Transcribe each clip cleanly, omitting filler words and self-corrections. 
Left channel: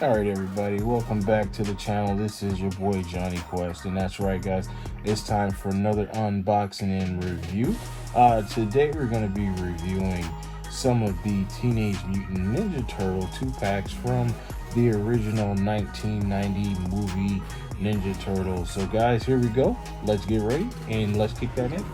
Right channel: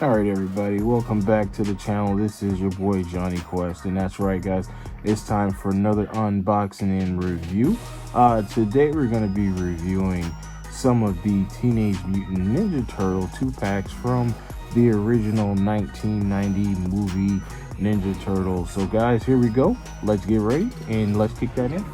Alright everybody, welcome back to the channel. This is your boy Johnny Quest, and that's right guys, it's time for another unboxing and review. Today we're going to be reviewing some of the Teenage Mutant Ninja Turtle 2-packs from the original 1990 movie Ninja Turtles. So guys, here we go. Let's get ready and let's kick that in.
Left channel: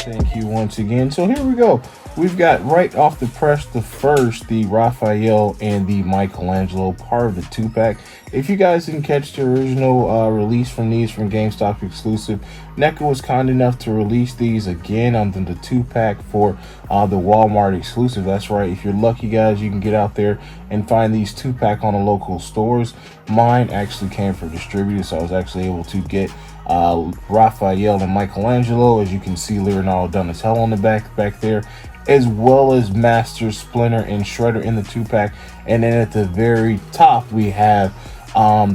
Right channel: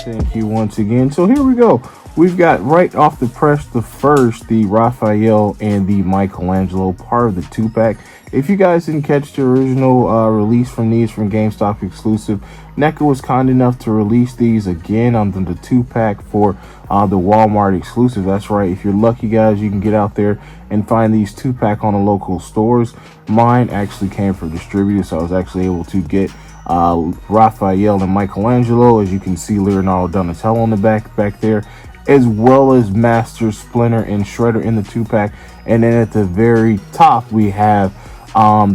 Thank you once again. So here we go. We've got right off the press the Raphael and the Michelangelo, part of the 2-pack. If you guys didn't catch the original release from these from GameStop exclusive, Neca was kind enough to release these again on the 2-pack for the Walmart exclusive. That's right. If you're lucky guys, you can get out there and find these 2-pack on the local stores. Mine actually came from distributors, so I was actually able to get Raphael and Michelangelo. As you can see, Leonardo Donatello on the back there, as well as Master Splinter and Shredder in the 2-pack. And then at the very top we have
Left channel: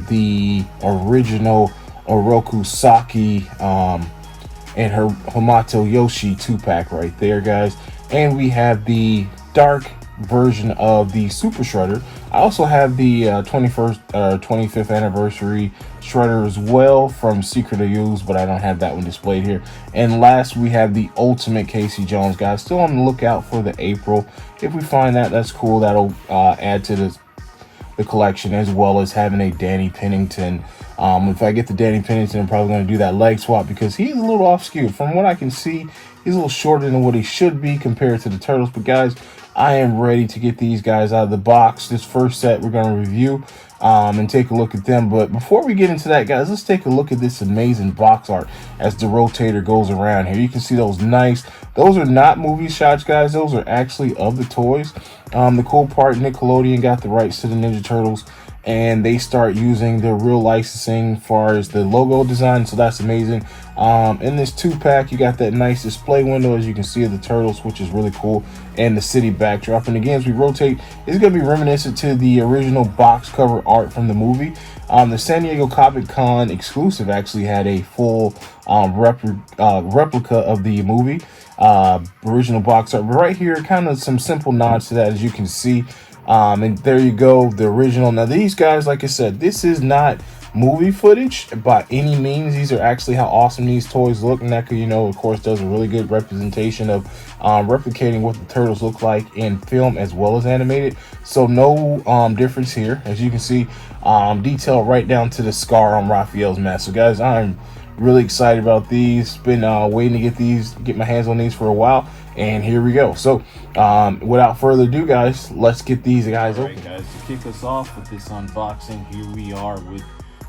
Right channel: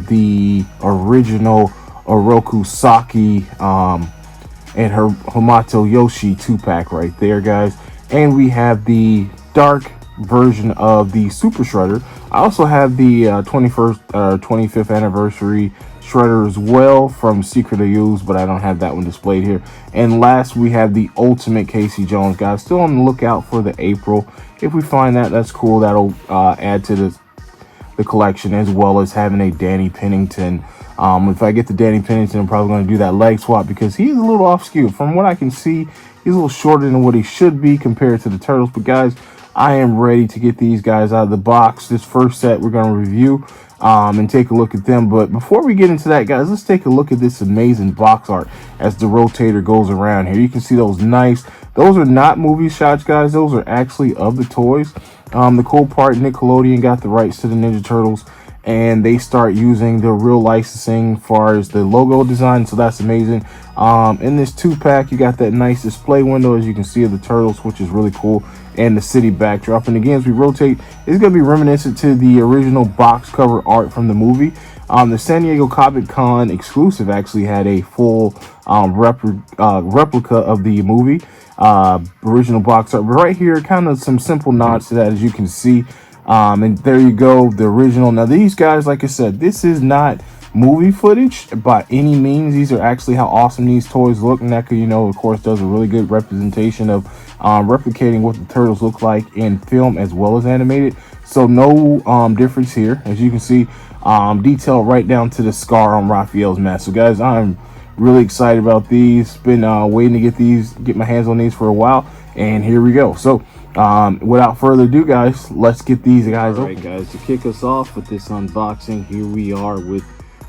the original Oroku Saki and her Hamato Yoshi 2-pack right there guys. And we have the dark version of the Super Shredder. I also have the 25th anniversary Shredder as well from Secret of Use, but I don't have that one displayed here. And last we have the Ultimate Casey Jones guys. Still on the lookout for the April. If we find that, that's cool. That'll add to the collection, as well as having a Danny Pennington. If I get the Danny Pennington, I'm probably going to do that leg swap because he's a little off skew. From what I can see, he's a little shorter than what he should be compared to the Turtles. But guys, I am ready to get these guys out of the box. This first set we're going to review and take a look at them. But before we get into that, guys, let's take a look at this amazing box art as the rotator goes around here. You can see those those are not movie shots, guys. Those are actually of the toys. The cool part, Nickelodeon got the rights to the Ninja Turtles, and they start using the real licensing as far as the logo design, so that's amazing. In this 2-pack, you got that nice display window, as you can see, of the Turtles, which is really cool, and the city backdrop. And again, as we rotate, it's going to be reminiscent to the original box cover art from the movie. The San Diego Comic Con exclusive actually had a full replica of the movie original box art, but right here, kind of some simple nods to that, as you can see. And there you go, the original. Now these guys, like I said, this is not movie footage by any means. These are actually how awesome these toys look. Neca, you know, of course, does a really good representation of replicating what the Turtles look like in film as well as animated. So no difference here. As you can see, detail right down to the scar on Raphael's mask. So guys, I'm really excited about these. Been waiting to get my hands on these for a while, and here we go. So without further ado, guys, let's get these guys open. Alright guys, to kick us off with this unboxing, here we are with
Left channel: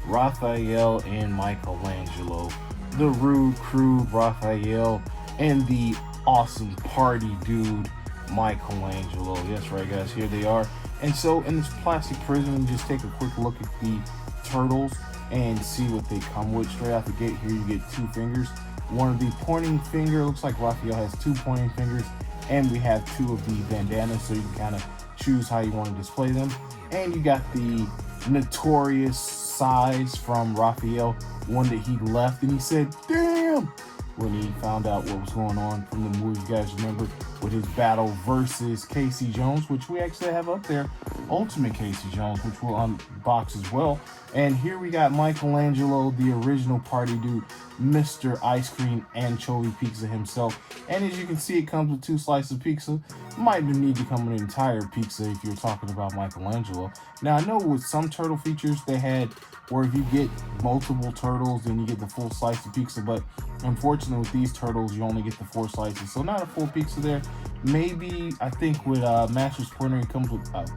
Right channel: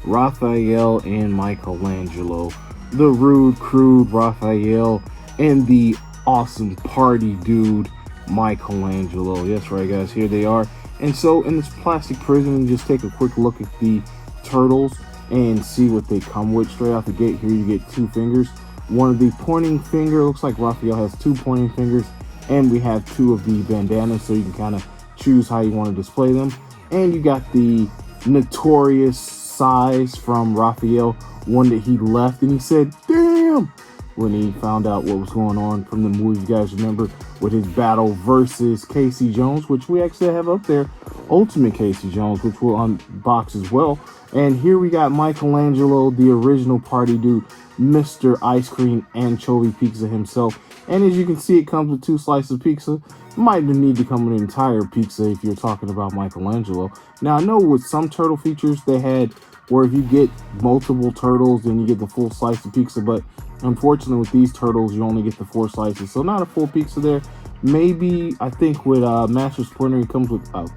Raphael and Michelangelo. The rude, crude Raphael and the awesome party dude Michelangelo. Yes, right guys, here they are. And so in this plastic prison, just take a quick look at the Turtles and see what they come with. Straight out the gate here, you get 2 fingers. One of the pointing finger, looks like Raphael has 2 pointing fingers, and we have 2 of the bandanas, so you can kind of choose how you want to display them. And you got the notorious size from Raphael, one that he left and he said damn when he found out what was going on from the movie. You guys remember, with his battle versus Casey Jones, which we actually have up there, Ultimate Casey Jones, which we'll unbox as well. And here we got Michelangelo, the original party dude, Mr. Ice Cream Anchovy Pizza himself. And as you can see, it comes with 2 slices of pizza. Might need to come with an entire pizza if you're talking about Michelangelo. Now, I know with some turtle features they had where if you get multiple turtles, then you get the full slice of pizza, but unfortunately with these turtles, you only get the 4 slices, so not a full pizza there. Maybe, I think with Master Splinter, it comes with a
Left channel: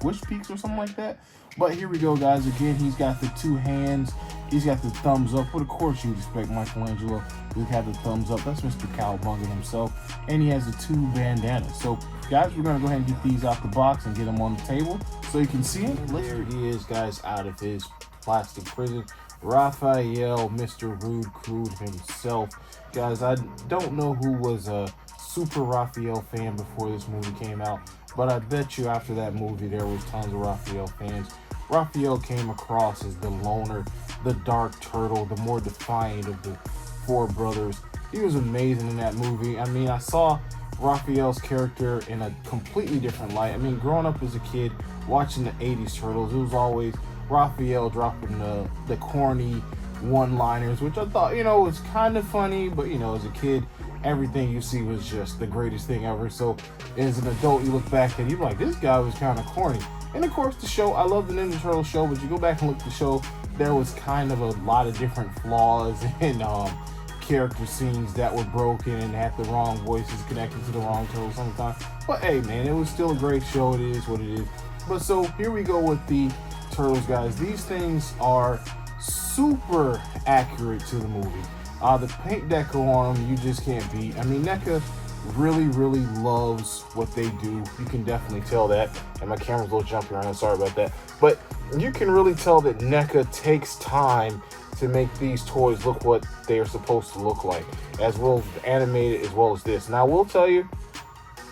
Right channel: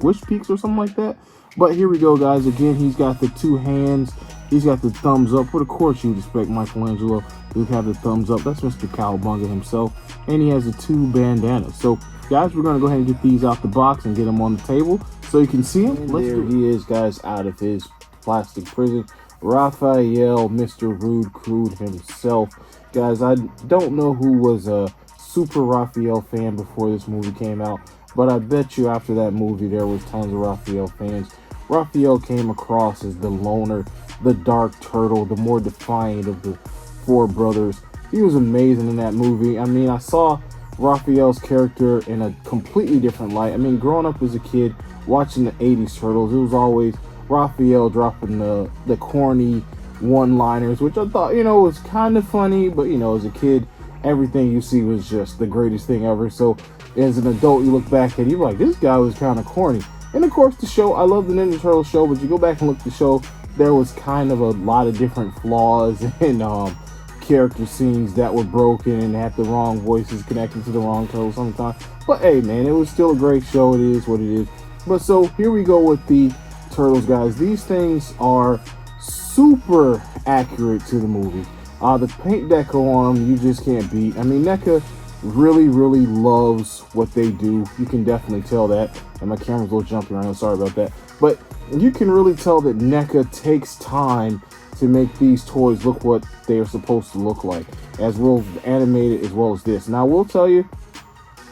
squish pizza or something like that. But here we go, guys. Again, he's got the 2 hands. He's got the thumbs up. But of course, you'd expect Michelangelo to have the thumbs up. That's Mr. Cowabunga himself. And he has the 2 bandanas. So, guys, we're going to go ahead and get these out the box and get them on the table so you can see them. There he is, guys, out of his plastic prison. Raphael, Mr. Rude Crude himself. Guys, I don't know who was a super Raphael fan before this movie came out, but I bet you after that movie there was tons of Raphael fans. Raphael came across as the loner, the dark turtle, the more defiant of the four brothers. He was amazing in that movie. I mean, I saw Raphael's character in a completely different light. I mean, growing up as a kid, watching the 80s Turtles, it was always Raphael dropping the corny one-liners, which I thought, was kind of funny, but, as a kid, everything you see was just the greatest thing ever. So, as an adult, you look back at it, you're like, this guy was kind of corny. And, of course, the show, I love the Ninja Turtles show, but you go back and look at the show, there was kind of a lot of different flaws and character scenes that were broken and had the wrong voices connected to the wrong turtles sometimes. But hey, man, it was still a great show. It is what it is. But so here we go with the Turtles, guys. These things are super accurate to the movie. The paint deco on them, you just can't beat. I mean, Neca really loves what they do. You can definitely tell that. And my camera's a little jumpy right now, sorry about that. But you can really tell that Neca takes time to make these toys look what they are supposed to look like, as well animated as well as this. Now I will tell you,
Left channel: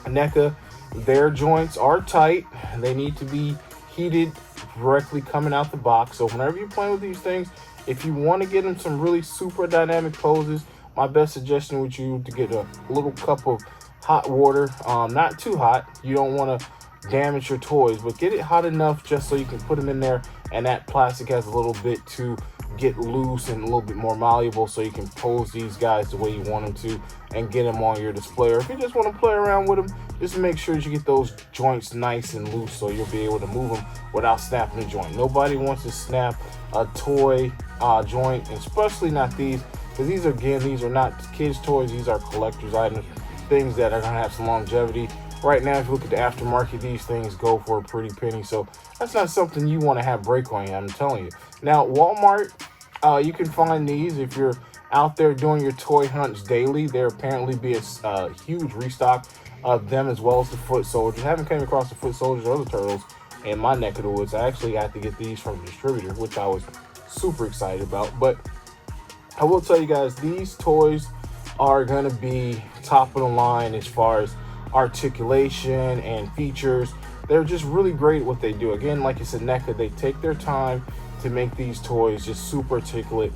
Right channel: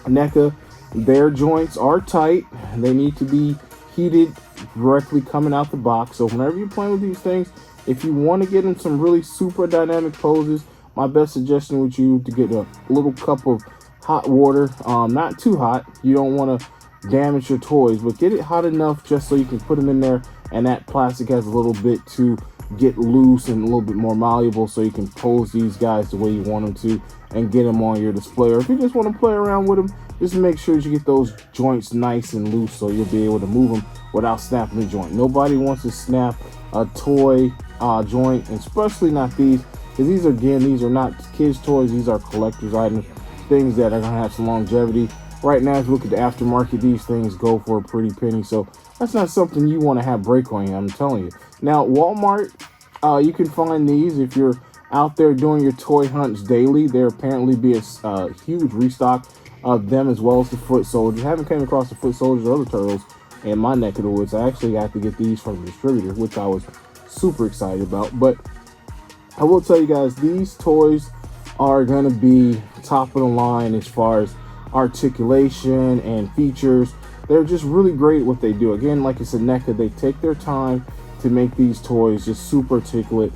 Neca, their joints are tight. They need to be heated directly coming out the box. So whenever you're playing with these things, if you want to get them some really super dynamic poses, my best suggestion would you to get a little cup of hot water, not too hot. You don't want to damage your toys, but get it hot enough just so you can put them in there and that plastic has a little bit to get loose and a little bit more malleable, so you can pose these guys the way you want them to and get them on your display. Or if you just want to play around with them, just make sure you get those joints nice and loose so you'll be able to move them without snapping the joint. Nobody wants to snap a toy joint, especially not these, because these are not kids toys. These are collector's items, things that are gonna have some longevity. Right now, if you look at the aftermarket, these things go for a pretty penny, so that's not something you want to have break on you, I'm telling you. Now, Walmart, you can find these if you're out there doing your toy hunts daily. There apparently be a huge restock of them, as well as the foot soldiers. I haven't came across the foot soldiers or other turtles in my neck of the woods. I actually had to get these from the distributor, which I was super excited about. But I will tell you guys, these toys are going to be top of the line as far as articulation and features. They're just really great at what they do. Again, like I said, Neca, they take their time to make these toys just super articulate.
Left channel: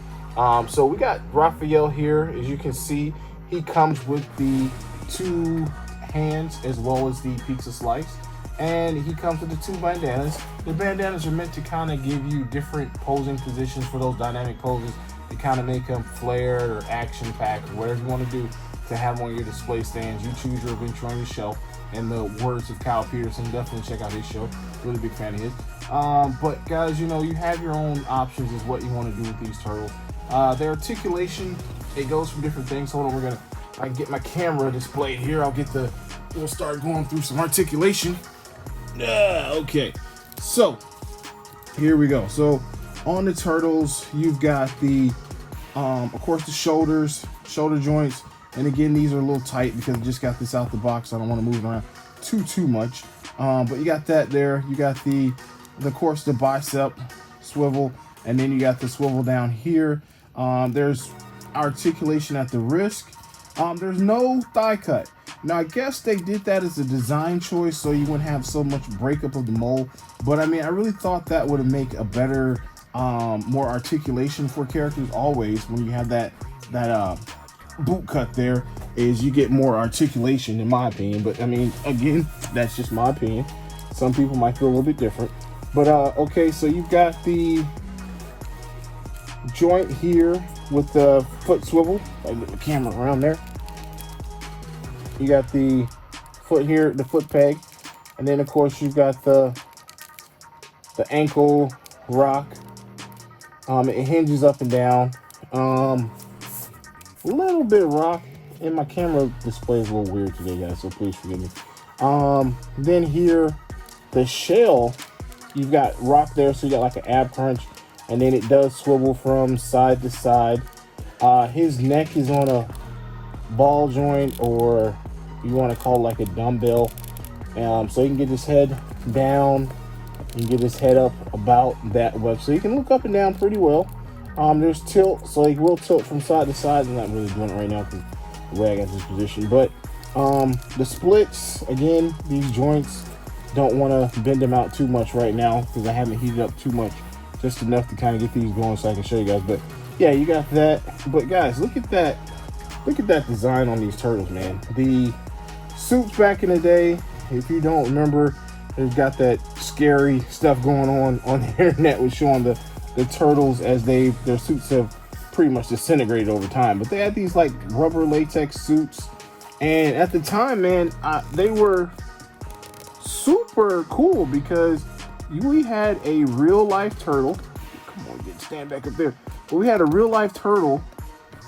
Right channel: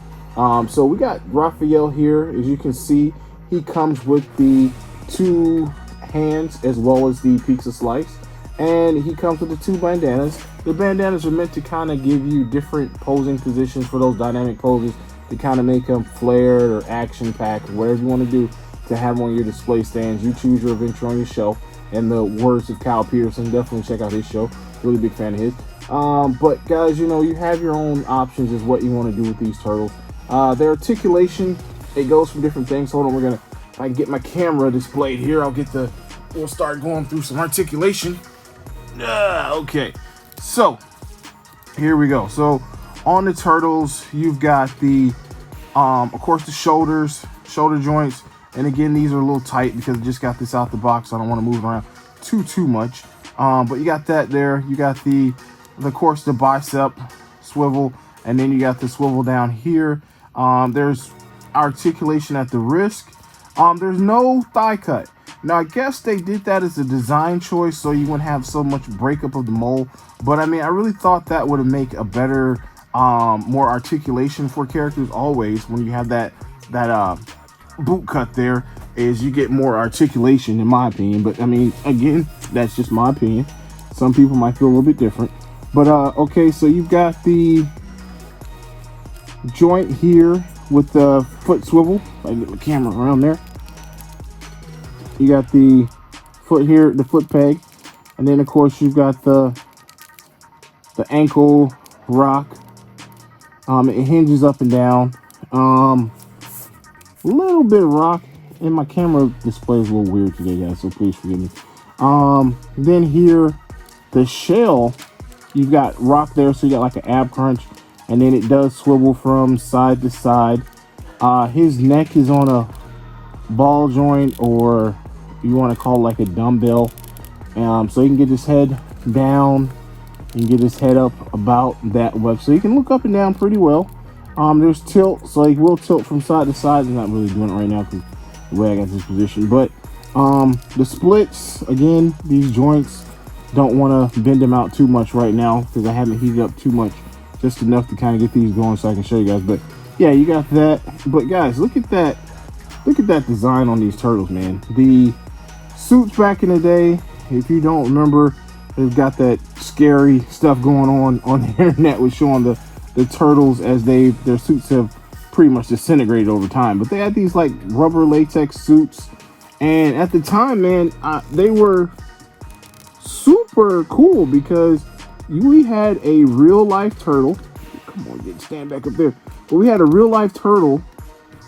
So we got Raphael here. As you can see, he comes with the 2 hands as well as the pizza slice, and he comes with the 2 bandanas. The bandanas are meant to kind of give you different posing positions for those dynamic poses, to kind of make them flared or action packed, whatever you want to do to have on your display stands. You choose your adventure on your shelf. And the words of Kyle Peterson, definitely check out his show. Really big fan of his. But guys, you have your own options as what you want to do with these turtles. Their articulation, it goes from different things. Hold on, if I can get my camera displayed here, we'll start going through some articulation. Okay, so here we go. So on the turtles, you've got the, of course, the shoulder joints. And again, these are a little tight because I just got this out the box, so I don't want to move around too much. But you got that there. You got of course, the bicep swivel, and then you got the swivel down here. There's articulation at the wrist. There's no thigh cut. Now, I guess they did that as a design choice so you wouldn't have so much breakup of the mold. But I mean, I really thought that would make a better, more articulation for characters. Always when you have that boot cut there, is you get more articulation, in my opinion. But I mean, again, that's just my opinion. Some people might feel a little bit different. But okay, so you've got the joint here with the foot swivel. I get the camera around there. You got the foot here, the foot peg, and then of course you've got the ankle rock. It hinges up and down. A little bit of rock, and my camera display is a little weird today, guys, so please forgive me. Then here, the shell, you've got rock there, so you got like an ab crunch, and then it does swivel from side to side. His neck is on a ball joint, or you want to call it like a dumbbell. So you can get his head down and get his head up about that way, so you can look up and down pretty well. There's tilt, so he will tilt from side to side. I'm not really doing it right now because the way I got this position. But the splits, again, these joints don't want to bend them out too much right now because I haven't heated up too much, just enough to kind of get these going so I can show you guys. But yeah, you got that. But guys, look at that design on these turtles, man. The suits back in the day, if you don't remember, they've got that scary stuff going on the internet with showing the turtles as their suits have pretty much disintegrated over time. But they had these like rubber latex suits, and at the time, man, they were super cool because we had a real life turtle. Come on, stand back up there. But we had a real life turtle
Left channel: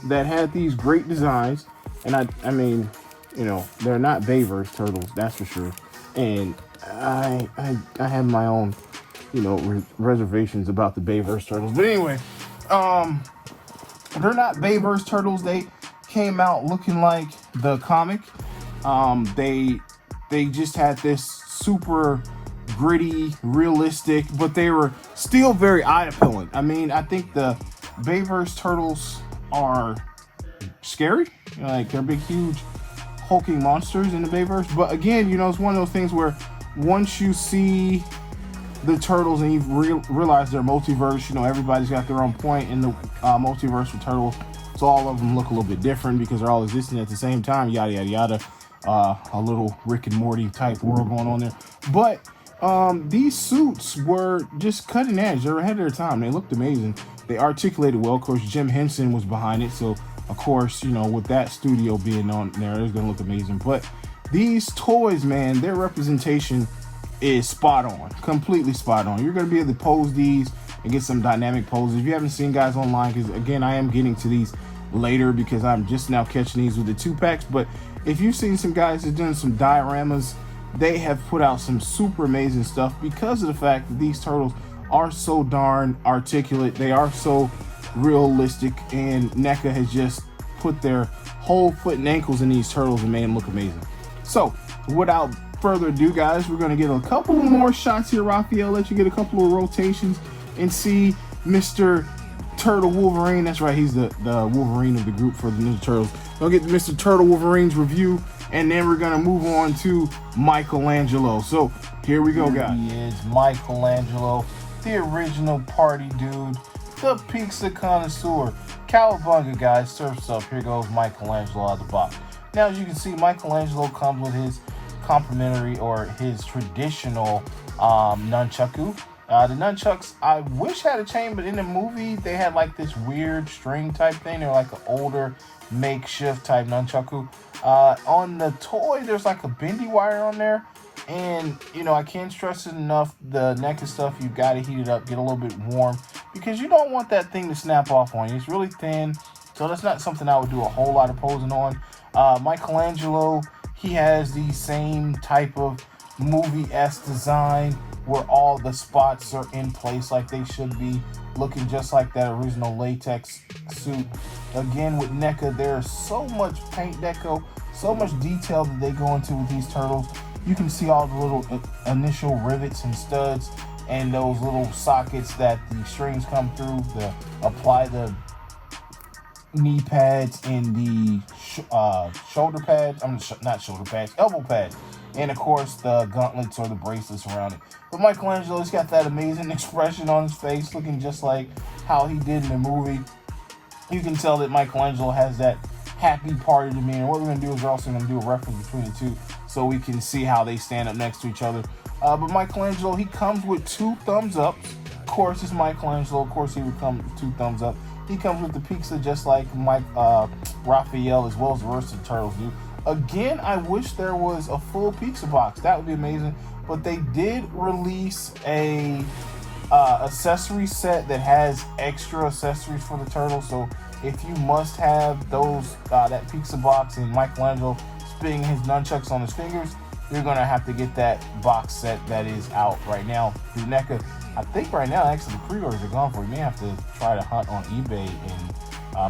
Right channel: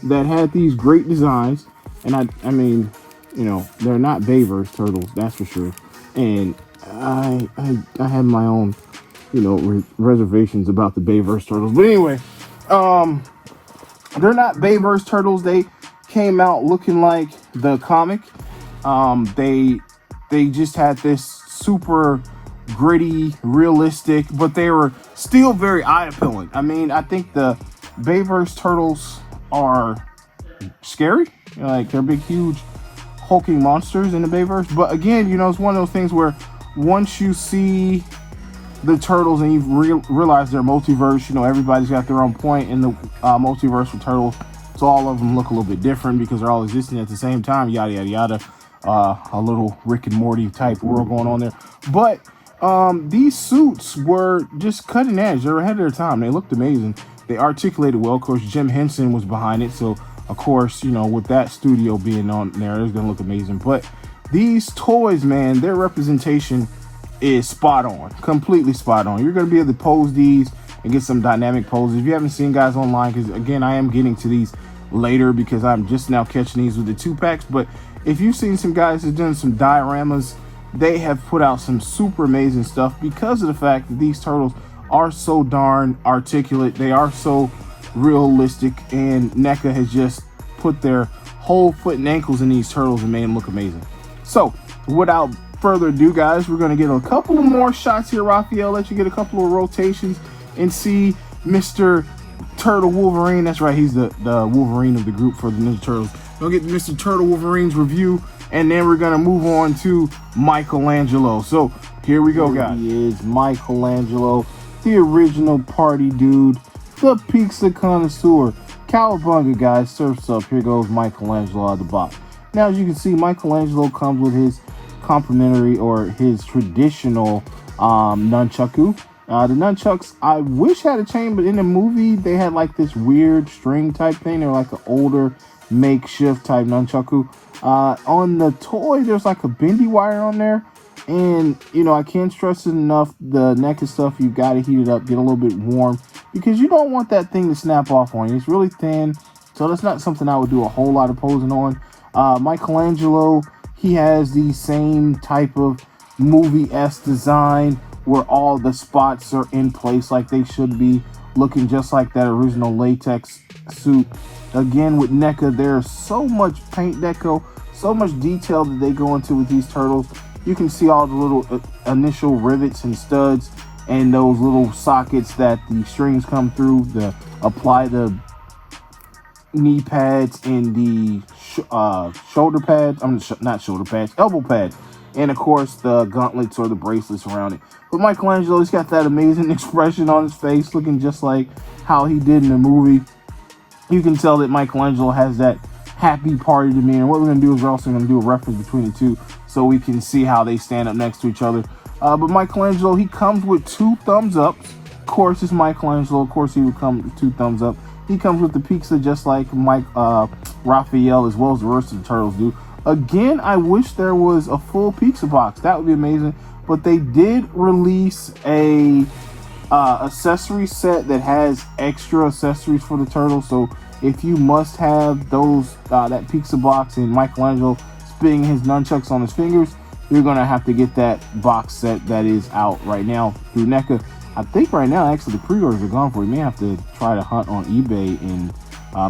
that had these great designs, and I mean, you know, they're not Bayverse turtles, that's for sure. And I have my own, you know, reservations about the Bayverse turtles. But anyway, they're not Bayverse turtles. They came out looking like the comic. They just had this super gritty, realistic, but they were still very eye-appealing. I mean, I think the Bayverse turtles are scary. You know, like, they're big, huge, hulking monsters in the Bayverse. But again, you know, it's one of those things where once you see the turtles and you realize they're multiverse, you know, everybody's got their own point in the multiverse with turtles. So all of them look a little bit different because they're all existing at the same time, yada, yada, yada. A little Rick and Morty type world going on there. But these suits were just cutting edge. They were ahead of their time. They looked amazing. They articulated well. Of course, Jim Henson was behind it. So, of course, you know, with that studio being on there, it's going to look amazing. But these toys, man, their representation is spot on. Completely spot on. You're going to be able to pose these and get some dynamic poses. If you haven't seen guys online, because, again, I am getting to these later because I'm just now catching these with the 2-packs. But if you've seen some guys that are doing some dioramas, they have put out some super amazing stuff because of the fact that these turtles are so darn articulate. They are so realistic, and Neca has just put their whole foot and ankles in these turtles and made them look amazing. So without further ado, guys, we're going to get a couple of more shots here. Raphael, let you get a couple of rotations and see Mr. Turtle Wolverine. That's right, he's the Wolverine of the group for the Ninja Turtles. We'll get Mr. Turtle Wolverine's review, and then we're gonna move on to Michelangelo. So here we go, guys. He is Michelangelo, the original party dude, the pizza connoisseur. Cowabunga, guys, surfs up. Here goes Michelangelo out of the box. Now, as you can see, Michelangelo comes with his complimentary or his traditional nunchaku. The nunchucks, I wish had a chain, but in the movie, they had like this weird string type thing. They were like an older makeshift type nunchaku. On the toy, there's like a bendy wire on there. And, you know, I can't stress it enough, the Neca stuff, you've got to heat it up, get a little bit warm, because you don't want that thing to snap off on you. It's really thin, so that's not something I would do a whole lot of posing on. Michelangelo, he has the same type of movie-esque design where all the spots are in place like they should be, looking just like that original latex suit. Again, with Neca, there's so much paint deco, so much detail that they go into with these turtles. You can see all the little initial rivets and studs and those little sockets that the strings come through to apply the knee pads and the shoulder pads. Not shoulder pads, elbow pads. And of course the gauntlets or the bracelets around it. But Michelangelo, he's got that amazing expression on his face, looking just like how he did in the movie. You can tell that Michelangelo has that happy party demeanor. What we're going to do is we're also going to do a reference between the two so we can see how they stand up next to each other. But Michelangelo, he comes with 2 thumbs up. Of course, it's Michelangelo. Of course, he would come with 2 thumbs up. He comes with the pizza just like Raphael, as well as the rest of the turtles do. Again, I wish there was a full pizza box. That would be amazing. But they did release a accessory set that has extra accessories for the turtles. So if you must have those that pizza box and Michelangelo spinning his nunchucks on his fingers, you're gonna have to get that box set that is out right now through Neca. I think right now actually the pre-orders are gone for it. You may have to try to hunt on eBay and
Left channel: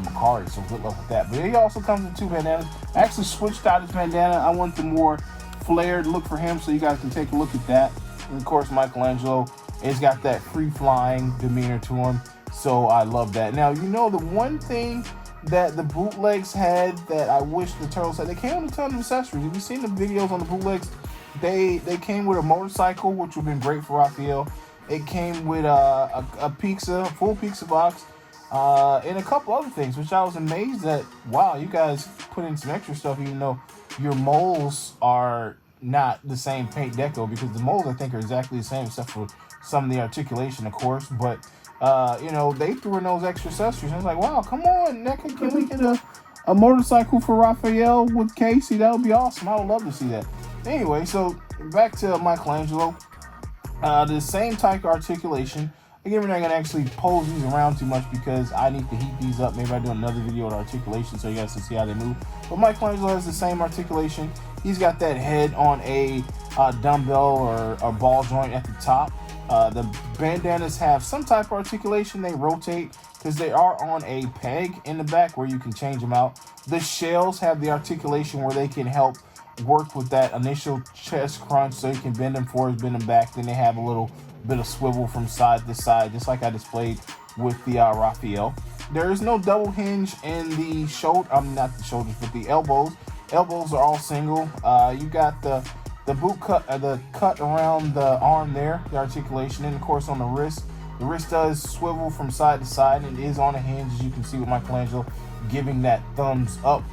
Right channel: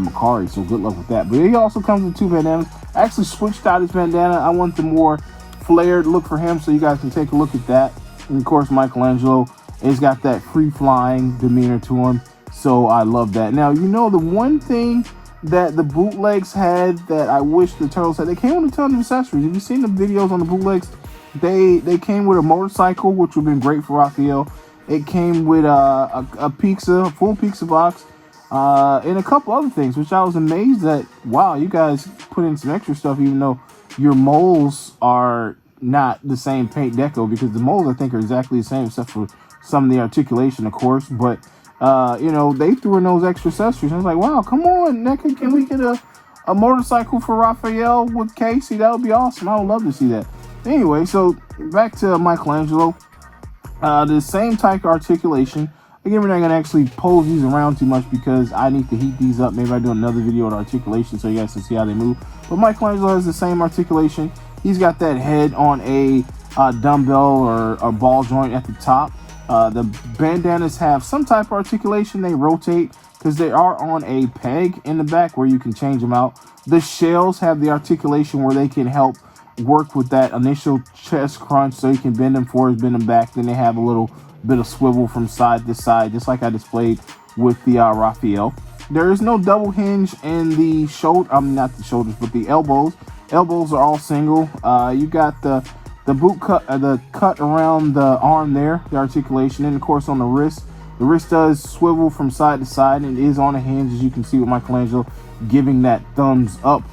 Mercari, so good luck with that. But he also comes with 2 bandanas. I actually switched out his bandana. I want the more flared look for him, so you guys can take a look at that. And of course, Michelangelo has got that free-flying demeanor to him, so I love that. Now, you know, the one thing that the bootlegs had that I wish the turtles had, they came with a ton of accessories. Have you seen the videos on the bootlegs? they came with a motorcycle, which would have been great for Raphael. It came with a pizza, full pizza box, and a couple other things, which I was amazed at. Wow, you guys put in some extra stuff, even though your moles are not the same paint deco, because the moles I think are exactly the same except for some of the articulation, of course. But you know, they threw in those extra accessories. I was like, wow, come on, Neca, can we get a motorcycle for Raphael with Casey? That would be awesome. I would love to see that. Anyway, so back to Michelangelo. The same type of articulation. Again, we're not going to actually pose these around too much because I need to heat these up. Maybe I do another video on articulation so you guys can see how they move. But Michelangelo has the same articulation. He's got that head on a dumbbell or a ball joint at the top. The bandanas have some type of articulation. They rotate because they are on a peg in the back where you can change them out. The shells have the articulation where they can help work with that initial chest crunch, so you can bend them forward, bend them back. Then they have a little bit of swivel from side to side, just like I displayed with the Raphael. There is no double hinge in the shoulder. Not the shoulders, but the elbows. Elbows are all single. You got the boot cut, the cut around the arm there, the articulation, and of course on the wrist. The wrist does swivel from side to side and is on a hinge, as you can see with Michelangelo giving that thumbs up.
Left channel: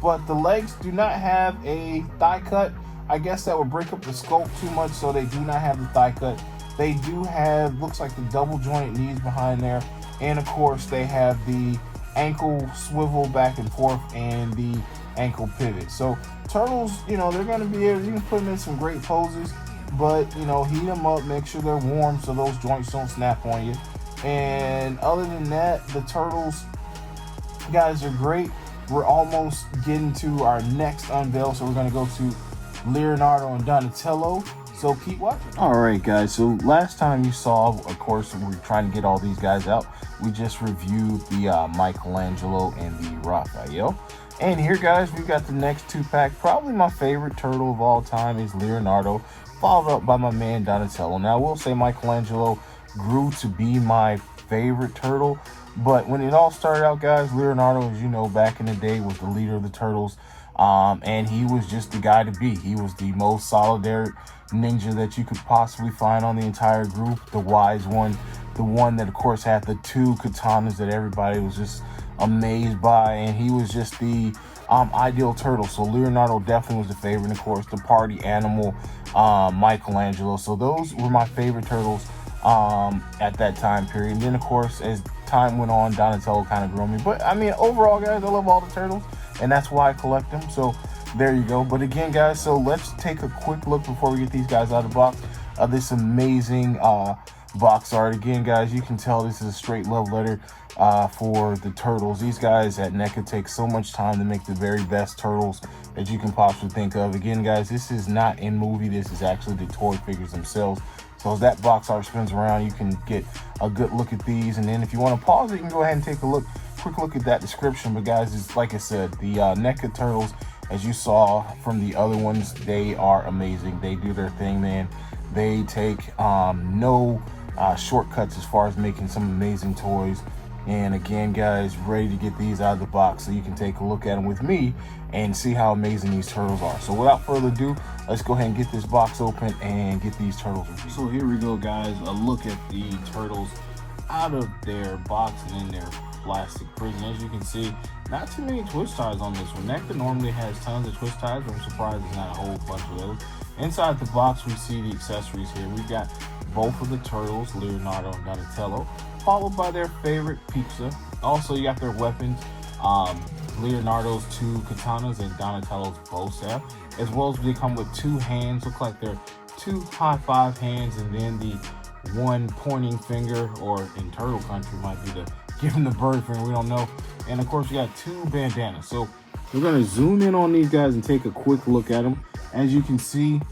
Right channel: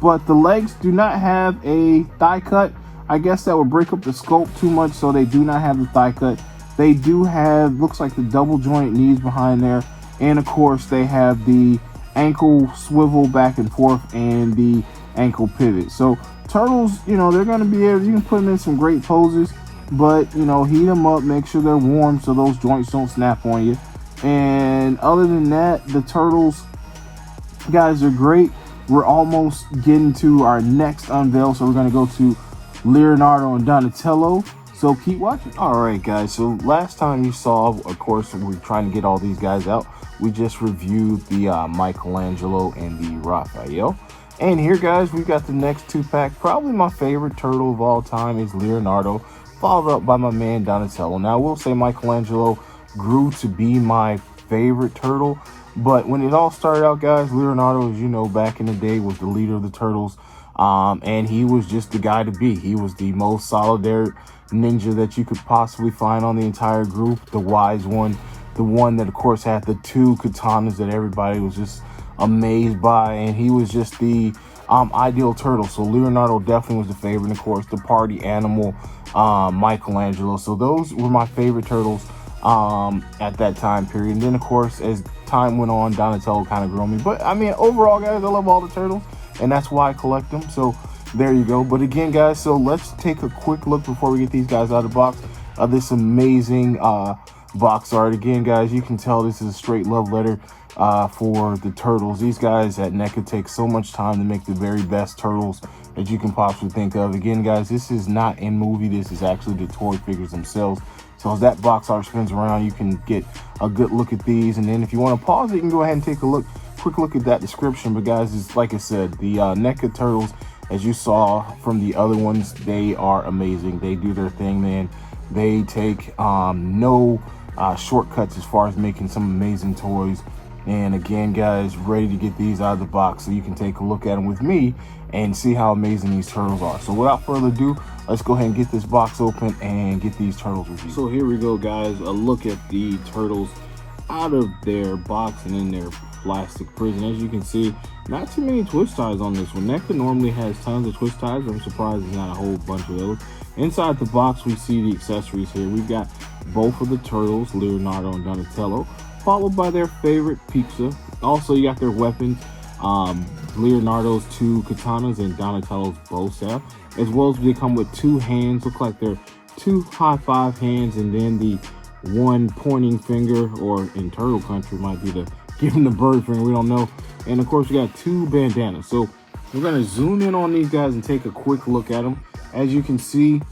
But the legs do not have a thigh cut. I guess that would break up the sculpt too much, so they do not have the thigh cut. They do have, looks like the double joint knees behind there, and of course they have the ankle swivel back and forth and the ankle pivot. So turtles, you know, they're going to be able, you can put them in some great poses, but you know, heat them up, make sure they're warm so those joints don't snap on you. And other than that, the turtles, guys, are great. We're almost getting to our next unveil, so we're going to go to Leonardo and Donatello. So keep watching. All right, guys. So last time you saw, of course, we were trying to get all these guys out. We just reviewed the Michelangelo and the Raphael. And here, guys, we've got the next two-pack. Probably my favorite turtle of all time is Leonardo, followed up by my man Donatello. Now, I will say Michelangelo grew to be my favorite turtle, but when it all started out, guys, Leonardo, as you know, back in the day was the leader of the turtles, and he was just the guy to be. He was the most solidary ninja that you could possibly find on the entire group, the wise one, the one that of course had the two katanas that everybody was just amazed by, and he was just the ideal turtle. So Leonardo definitely was the favorite, and of course the party animal, Michelangelo. So those were my favorite turtles at that time period. And then of course, as time went on, Donatello kind of grew on me. But I mean, overall, guys, I love all the turtles, and that's why I collect them. So there you go. But again, guys, so let's take a quick look before we get these guys out of the box of this amazing box art. Again, guys, you can tell this is a straight love letter for the turtles. These guys at Neca take so much time to make the very best turtles that you can possibly think of. Again, guys, this is not in movie. This is actually the toy figures themselves. So as that box art spins around, you can get a good look at these. And then if you want to pause it, you can go ahead and take a quick look at that description. But guys, it's like I said, the Neca turtles, as you saw from the other ones, they are amazing. They do their thing, man. They take no shortcuts as far as making some amazing toys. And again, guys, ready to get these out of the box so you can take a look at them with me and see how amazing these turtles are. So without further ado, let's go ahead and get this box open and get these turtles reviewed. So here we go, guys, a look at the turtles out of their box and in their plastic prison. As you can see, not too many twist ties on this one. Neca normally has tons of twist ties, but I'm surprised there's not a whole bunch of those. Inside the box, we see the accessories here. We've got both of the turtles, Leonardo and Donatello, followed by their favorite pizza. Also, you got their weapons, Leonardo's two katanas and Donatello's bow staff, as well as they come with two hands. Look like they're two high five hands, and then the one pointing finger, or in turtle country might be the give him the bird finger, we don't know. And of course, you got two bandanas. So we're gonna zoom in on these guys and take a quick look at them. As you can see,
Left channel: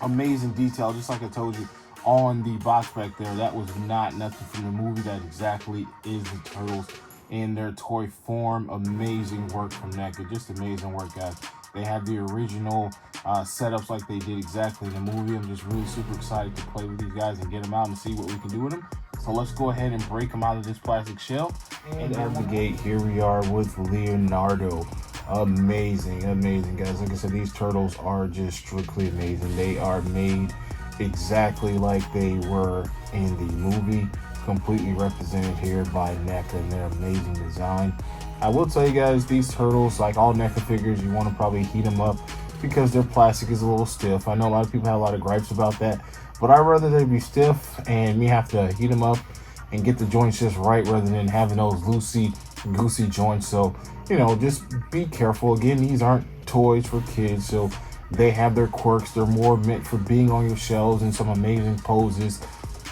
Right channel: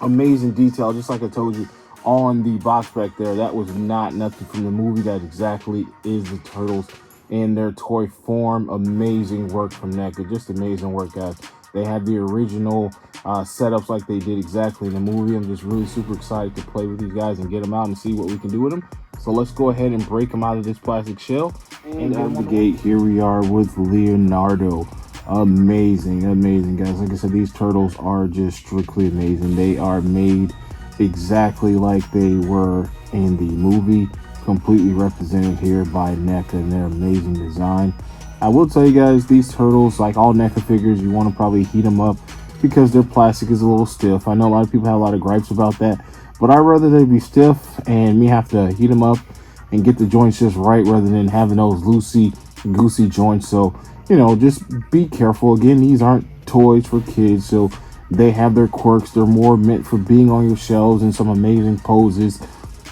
amazing detail, just like I told you on the box back there. That was not nothing from the movie. That exactly is the turtles in their toy form. Amazing work from Neca, just amazing work, guys. They had the original setups like they did exactly in the movie. I'm just really super excited to play with these guys and get them out and see what we can do with them. So let's go ahead and break them out of this plastic shell. And out of the gate, here we are with Leonardo. Amazing guys. Like I said, these turtles are just strictly amazing. They are made exactly like they were in the movie, completely represented here by Neca and their amazing design. I will tell you guys, these turtles, like all Neca figures, you want to probably heat them up because their plastic is a little stiff. I know a lot of people have a lot of gripes about that, but I'd rather they be stiff and me have to heat them up and get the joints just right rather than having those loosey goosey joints. So, you know, just be careful. Again, these aren't toys for kids, so they have their quirks. They're more meant for being on your shelves and some amazing poses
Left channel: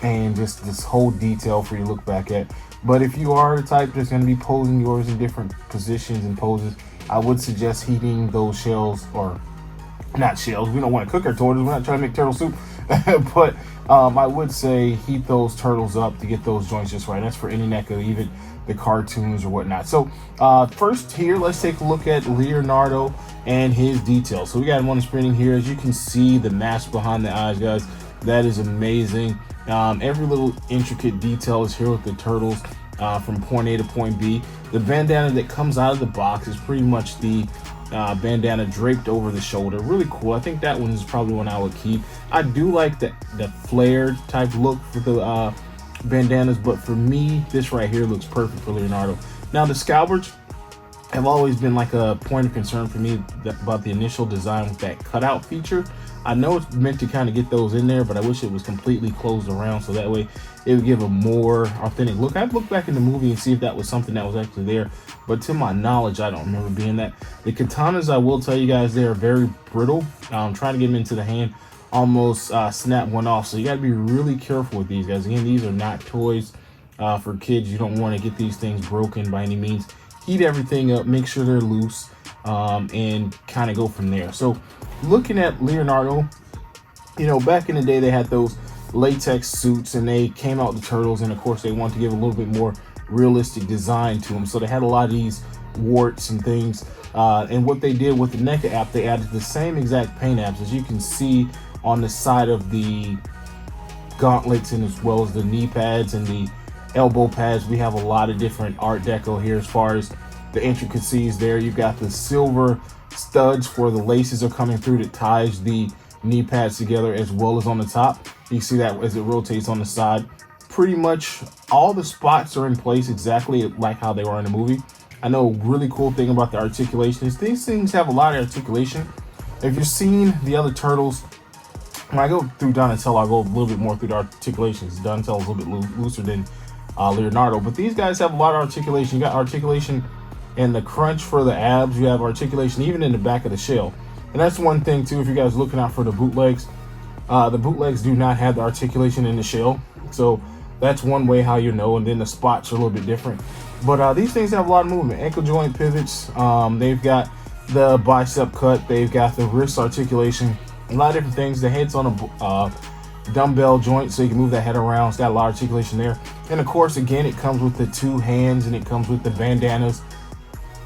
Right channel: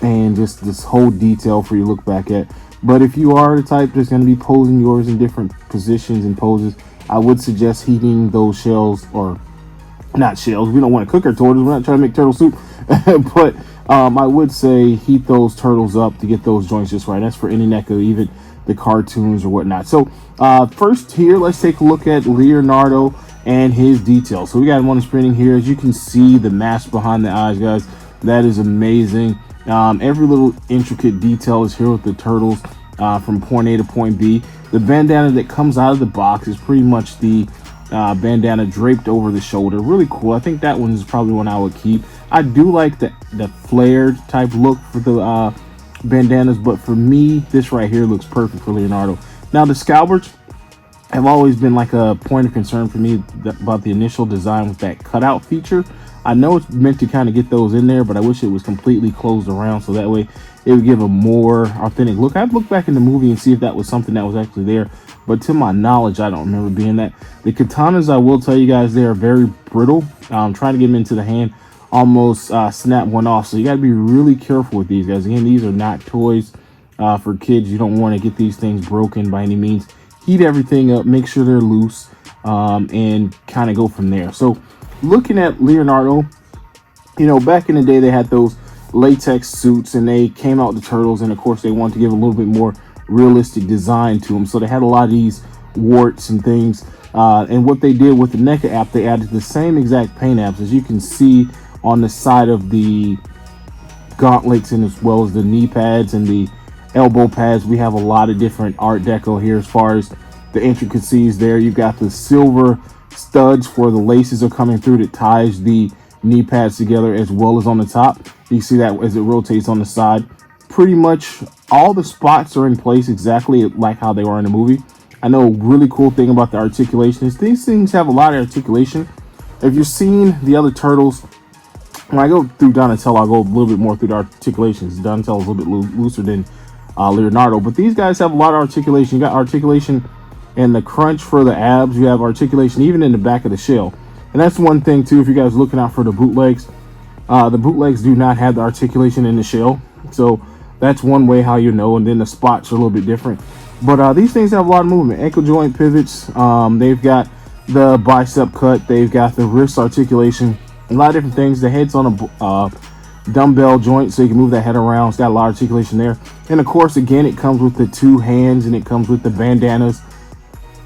and just this whole detail for you to look back at. But if you are the type that's going to be posing yours in different positions and poses, I would suggest heating those shells, or not shells. We don't want to cook our turtles. We're not trying to make turtle soup. But I would say heat those turtles up to get those joints just right. That's for any Neca, even the cartoons or whatnot. So first here, let's take a look at Leonardo and his details. So we got him on the screen here. As you can see, the mask behind the eyes, guys, that is amazing. Every little intricate detail is here with the turtles from point A to point B. The bandana that comes out of the box is pretty much the bandana draped over the shoulder. Really cool. I think that one is probably one I would keep. I do like the flared type look for the bandanas, but for me, this right here looks perfect for Leonardo. Now, the scalbards have always been like a point of concern for me about the initial design with that cutout feature. I know it's meant to kind of get those in there, but I wish it was completely closed around so that way it would give a more authentic look. I'd look back in the movie and see if that was something that was actually there, but to my knowledge, I don't remember being that. The katanas, I will tell you guys, they are very brittle. Trying to get them into the hand, almost snap one off, so you got to be really careful with these guys. Again, these are not toys for kids. You don't want to get these things broken by any means. Heat everything up, make sure they're loose, and kind of go from there. So looking at Leonardo, you know, back in the day, they had those latex suits and they came out the turtles, and of course they wanted to give a little bit more realistic design to them, so they had a lot of these warts and things, and what they did with the Neca app, they added the same exact paint apps, as you can see on the side of the gauntlets, and as well as the knee pads and the elbow pads. We have a lot of different art deco here as far as the intricacies there. You've got the silver studs for the laces are coming through that ties the knee pads together, as well as on the top. You see that as it rotates on the side. Pretty much all the spots are in place exactly like how they were in the movie. I know a really cool thing about the articulation is these things have a lot of articulation. If you've seen the other turtles, when I go through Donatello, I'll go a little bit more through the articulations. Donatello is a little bit looser than Leonardo, but these guys have a lot of articulation. You got articulation in the crunch for the abs. You have articulation even in the back of the shell. And that's one thing too, if you guys are looking out for the bootlegs. The bootlegs do not have the articulation in the shell, so that's one way how you know. And then the spots are a little bit different, but these things have a lot of movement. Ankle joint pivots, they've got the bicep cut, they've got the wrist articulation, a lot of different things. The head's on a dumbbell joint, so you can move that head around. It's got a lot of articulation there. And of course, again, it comes with the two hands, and it comes with the bandanas,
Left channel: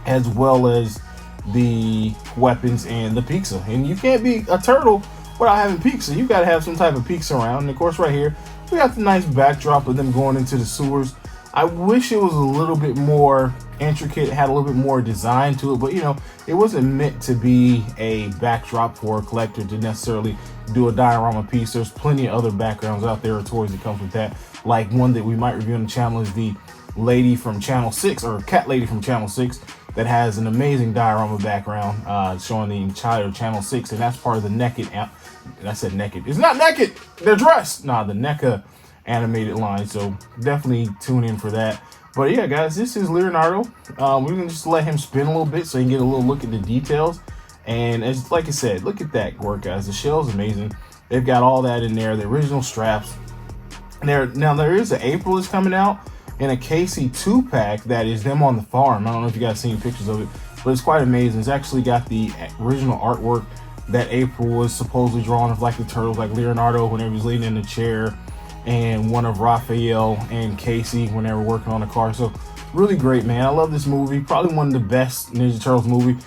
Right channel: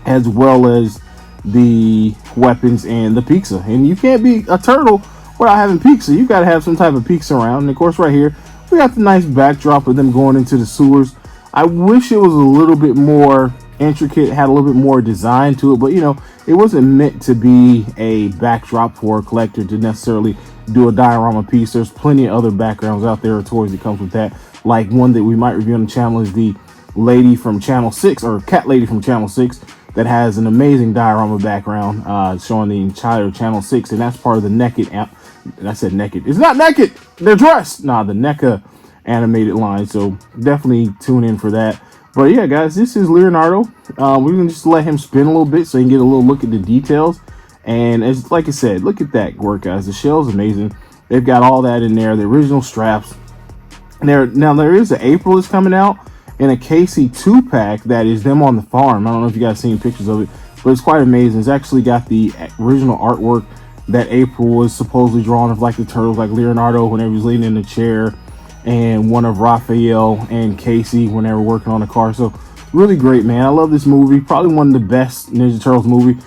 as well as the weapons and the pizza. And you can't be a turtle without having pizza. You got to have some type of pizza around. And of course, right here we got the nice backdrop of them going into the sewers. I wish it was a little bit more intricate, had a little bit more design to it, but you know, it wasn't meant to be a backdrop for a collector to necessarily do a diorama piece. There's plenty of other backgrounds out there, or toys that comes with that. Like one that we might review on the channel is the lady from Channel 6, or cat lady from Channel 6, that has an amazing diorama background showing the entire Channel 6, and that's part of the Naked app. I said naked. It's not naked. They're dressed. Nah, the Neca animated line. So definitely tune in for that. But yeah, guys, this is Leonardo. We're gonna just let him spin a little bit so you can get a little look at the details. And as like I said, look at that work, guys. The shell's amazing. They've got all that in there. The original straps. Now there is an April that's coming out in a KC 2-pack that is them on the farm. I don't know if you guys seen pictures of it, but it's quite amazing. It's actually got the original artwork that April was supposedly drawn of, like the turtles, like Leonardo whenever he's leaning in the chair, and one of Raphael and Casey when they were working on the car. So really great, man. I love this movie. Probably one of the best Ninja Turtles movie,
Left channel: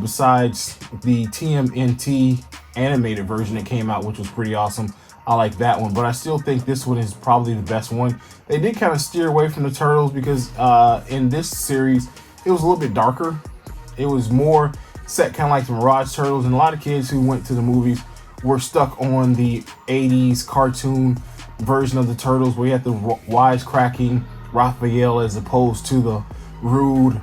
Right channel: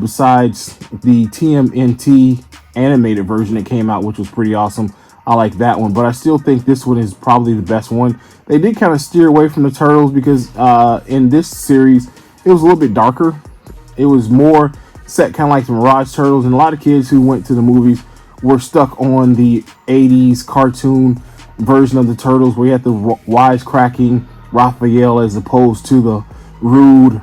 besides the TMNT animated version that came out, which was pretty awesome. I like that one, but I still think this one is probably the best one. They did kind of steer away from the Turtles because in this series, it was a little bit darker. It was more set kind of like the Mirage Turtles, and a lot of kids who went to the movies were stuck on the 80s cartoon version of the Turtles, where you had the wisecracking Raphael as opposed to the rude,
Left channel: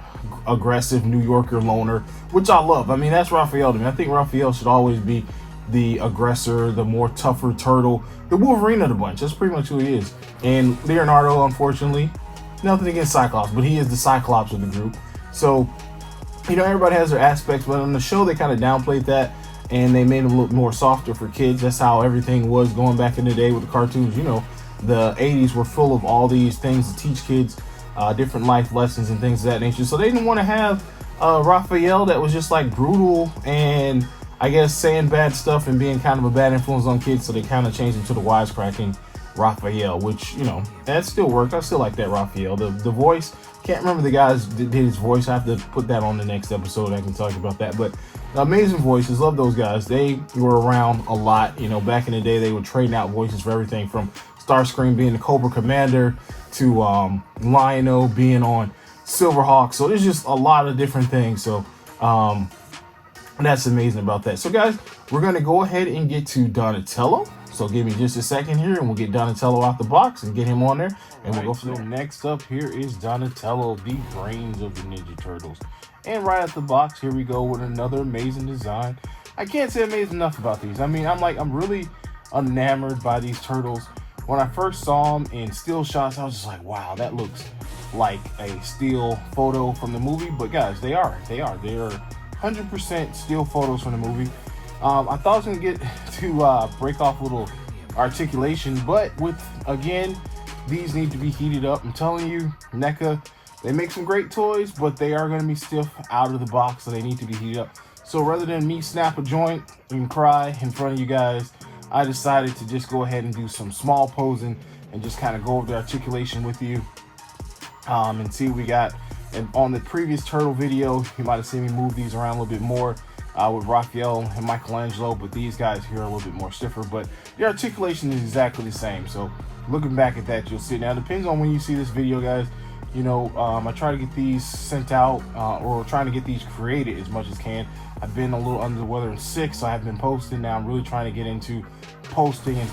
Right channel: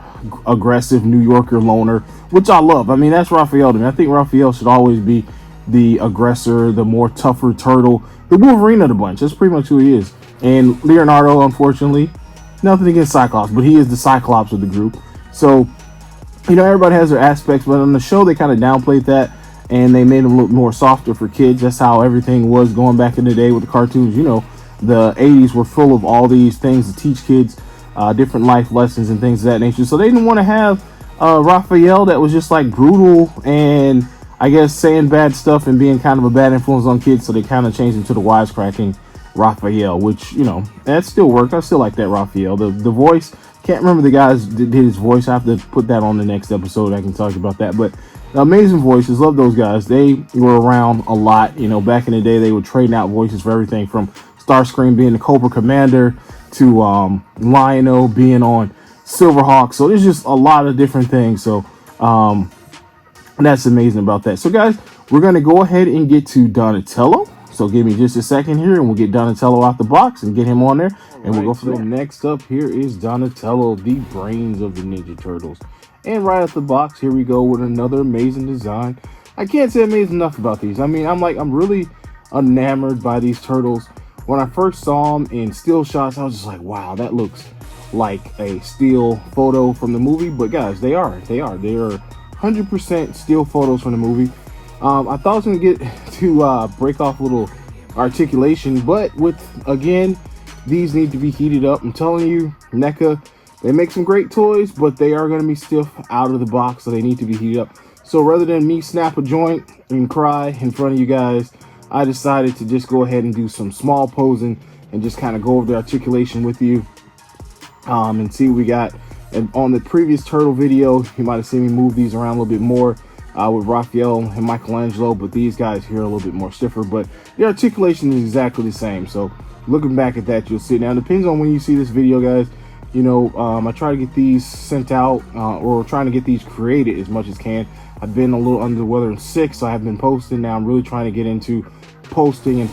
aggressive New Yorker loner, which I love. I mean, that's Raphael to me. I think Raphael should always be the aggressor, the more tougher turtle, the Wolverine of the bunch. That's pretty much who he is. And Leonardo, unfortunately, nothing against Cyclops, but he is the Cyclops of the group. So, you know, everybody has their aspects, but on the show they kind of downplayed that, and they made him look more softer for kids. That's how everything was going back in the day with the cartoons. You know, the 80s were full of all these things to teach kids different life lessons and things of that nature. So they didn't want to have Raphael that was just like brutal and I guess saying bad stuff and being kind of a bad influence on kids. So they kind of changed him to the wisecracking Raphael, which, you know, that still worked. I still like that Raphael. The voice, can't remember the guys that did his voice. I have to put that on the next episode. I can talk about that. But amazing voices, love those guys. They were around a lot. You know, back in the day, they were trading out voices for everything from Starscream being the Cobra Commander to Lion-O being on Silverhawk. So there's just a lot of different things. So that's amazing about that. So guys, we're going to go ahead and get to Donatello. So give me just a second here and we'll get Donatello out the box and get him on there. And we'll go for that. Next up here is Donatello, the brains of the Ninja Turtles. And right out the box, here we go with another amazing design. I can't say amazing enough about these. I mean, I'm really enamored by these turtles. When I first saw them in still shots, I was just like, wow, that looks like a still photo from the movie. But guys, they are 100% still photos from the movie. I thought I was gonna get to break off a little articulation, but with, again, these need to be heated up. I'm telling you, Neca, they make some great toys, but they are gonna be stiff out of the box, so they need to be heated up. So rather than me snap a joint and cry in front of you guys, I decided to just go ahead and do some small posing and just kind of go over the articulation with you and see what we got. And on the previous turtle video, you might have seen me move these around a little bit more with Raphael and Michelangelo, but these guys here are a little bit more stiffer, but the articulation is exactly the same. So looking back at that, you'll see. Now it depends on when you see this video, guys. You know, I try to get these sent out or trying to get these created as much as can. I've been a little under the weather and sick, so I've been posting. Now I'm really trying to get into posting and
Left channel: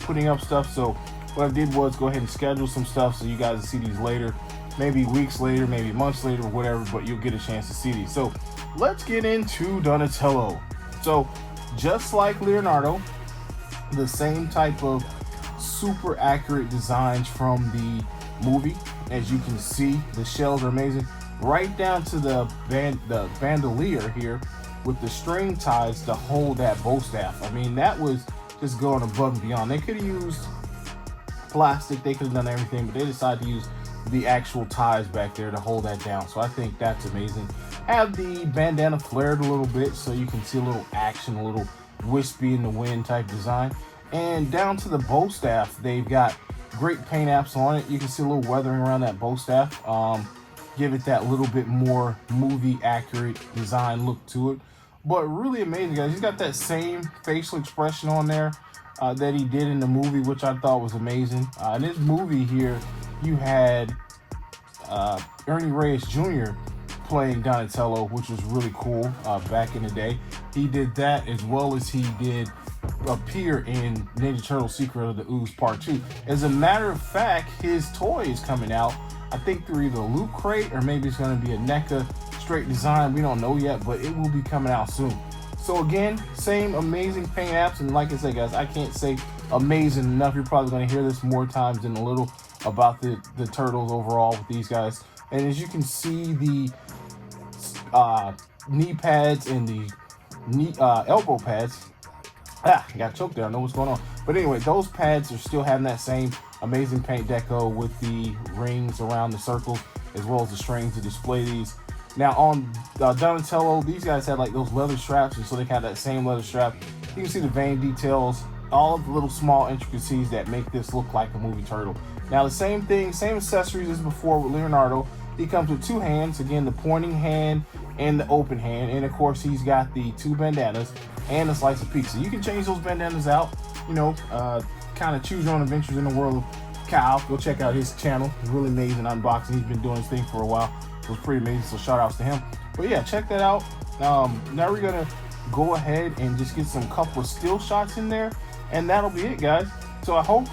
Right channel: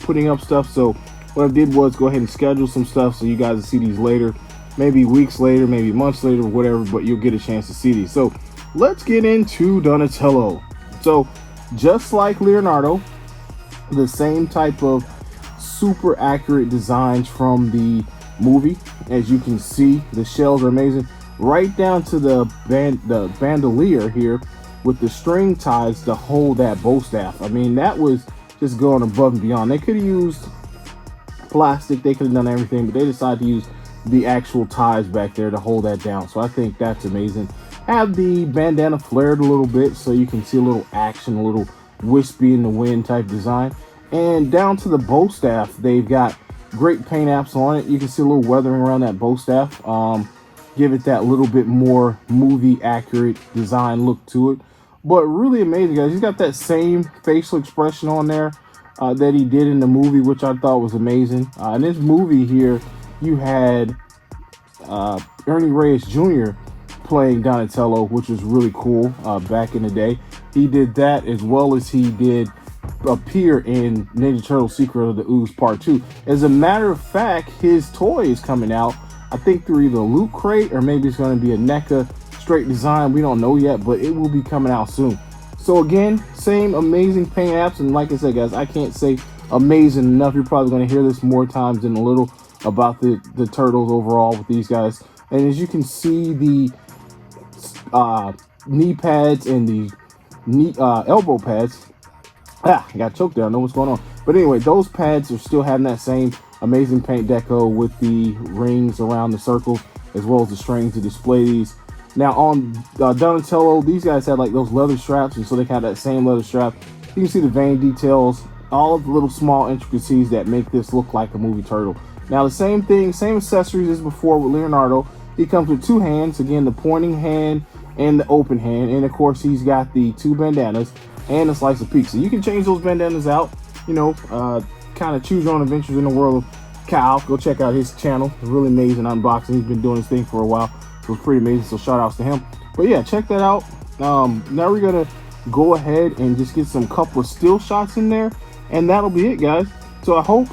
putting up stuff. So what I did was go ahead and schedule some stuff so you guys will see these later, maybe weeks later, maybe months later, whatever, but you'll get a chance to see these. So let's get into Donatello. So just like Leonardo, the same type of super accurate designs from the movie. As you can see, the shells are amazing, right down to the bandolier here with the string ties to hold that bow staff. I mean, that was just going above and beyond. They could have used plastic, they could have done everything, but they decided to use the actual ties back there to hold that down. So I think that's amazing. Have the bandana flared a little bit so you can see a little action, a little wispy in the wind type design. And down to the bow staff, they've got great paint apps on it. You can see a little weathering around that bow staff. Give it that little bit more movie accurate design look to it. But really amazing, guys. He's got that same facial expression on there that he did in the movie, which I thought was amazing. In this movie here, you had Ernie Reyes Jr. playing Donatello, which was really cool back in the day. He did that as well as he did appear in Ninja Turtle Secret of the Ooze Part 2. As a matter of fact, his toy is coming out, I think through either Loot Crate or maybe it's going to be a Neca straight design. We don't know yet, but it will be coming out soon. So again, same amazing paint apps, and like I said, guys, I can't say amazing enough. You're probably going to hear this more times than a little about the Turtles overall with these guys. And as you can see, the knee pads and the knee elbow pads, I got choked there. I know what's going on. But anyway, those pads are still having that same amazing paint deco with the rings around the circles as well as the strings to display these. Now on Donatello, these guys had like those leather straps, and so they had that same leather strap. You can see the vein details, all of the little small intricacies that make this look like a movie turtle. Now the same thing, same accessories as before with Leonardo. He comes with two hands, again, the pointing hand and the open hand, and of course he's got the two bandanas and a slice of pizza. You can change those bandanas out, you know, kind of choose your own adventures in the world of Kyle. Go check out his channel, really amazing unboxing. He's been doing this thing for a while, so it's pretty amazing, so shout outs to him. But yeah, check that out. Now we're gonna go ahead and just get some couple of still shots in there, and that'll be it, guys. So I hope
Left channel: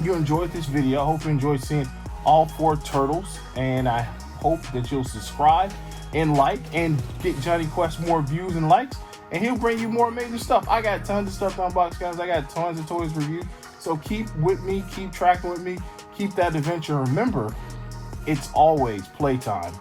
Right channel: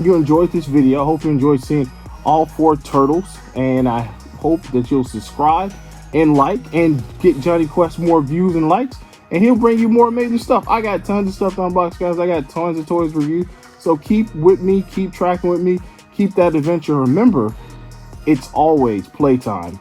you enjoyed this video. I hope you enjoyed seeing all 4 turtles, and I hope that you'll subscribe and like and get Johnny Quest more views and likes, and he'll bring you more amazing stuff. I got tons of stuff to unbox, guys. I got tons of toys reviews. So keep with me, keep tracking with me, keep that adventure. Remember, it's always playtime.